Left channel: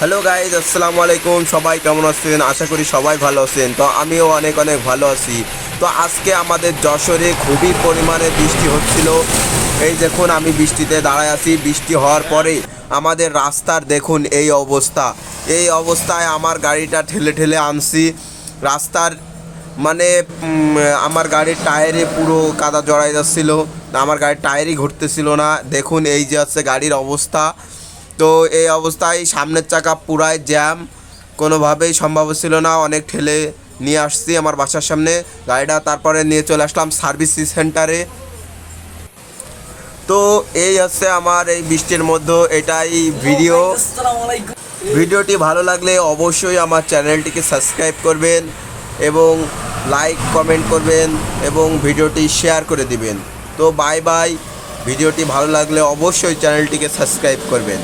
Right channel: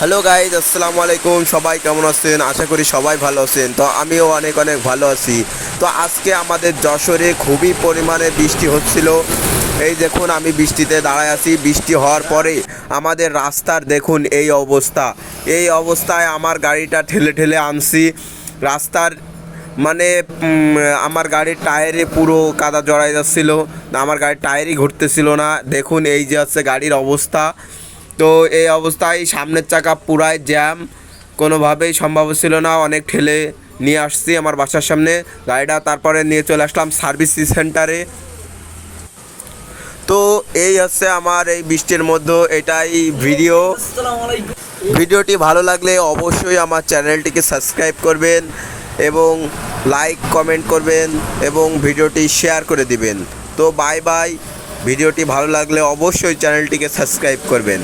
Hello guys, আসসালামু আলাইকুম। সবাই কেমন আছেন? আশা করি সবাই ভালো আছেন। তো আমিও অনেক অনেক ভালো আছি। তো আজকে আমাদের যশোরে খুবই পরিমাণে বৃষ্টি হচ্ছিল। এই দেখুন, আমি বৃষ্টিতে দাঁড়ায় আছি। বৃষ্টি হওয়ার পরে আমাদের রাস্তার দেখুন এই অবস্থা। এই অবস্থায় আমার গাড়িটা ঠেলে ঠেলে আনছি রাস্তার, মানে আমার গাড়ির টায়ারে পুরো কাদা জড়াই যাচ্ছিল। আমার গাড়ির টায়ারই ঘুরতেছিল না। দেখুন এই যে হচ্ছে গাড়ির অবস্থা। তো এই অবস্থায় সামনের চাকা পুরাই জ্যাম, কোনোভাবেই সম্ভব ছিল না। অনেক ঠেলে নিয়ে আসছি আমার বাসার সামনে গাড়িটা, তারপরে নিয়ে চলে আসলাম সার্ভিস সেন্টারে। তো এই হচ্ছে আমার এই বৃষ্টির মধ্যে এটাই ভিডিও। ভিডিওটি ভালো লাগলে অবশ্যই আমার চ্যানেলটিকে সাবস্ক্রাইব করবেন এবং লাইক কমেন্ট করবেন এবং ভিডিওটি শেয়ার করে দিবেন। তো বাই বাই। ভিডিওটি ভালো লাগলে অবশ্যই চ্যানেলটিকে সাবস্ক্রাইব করবেন।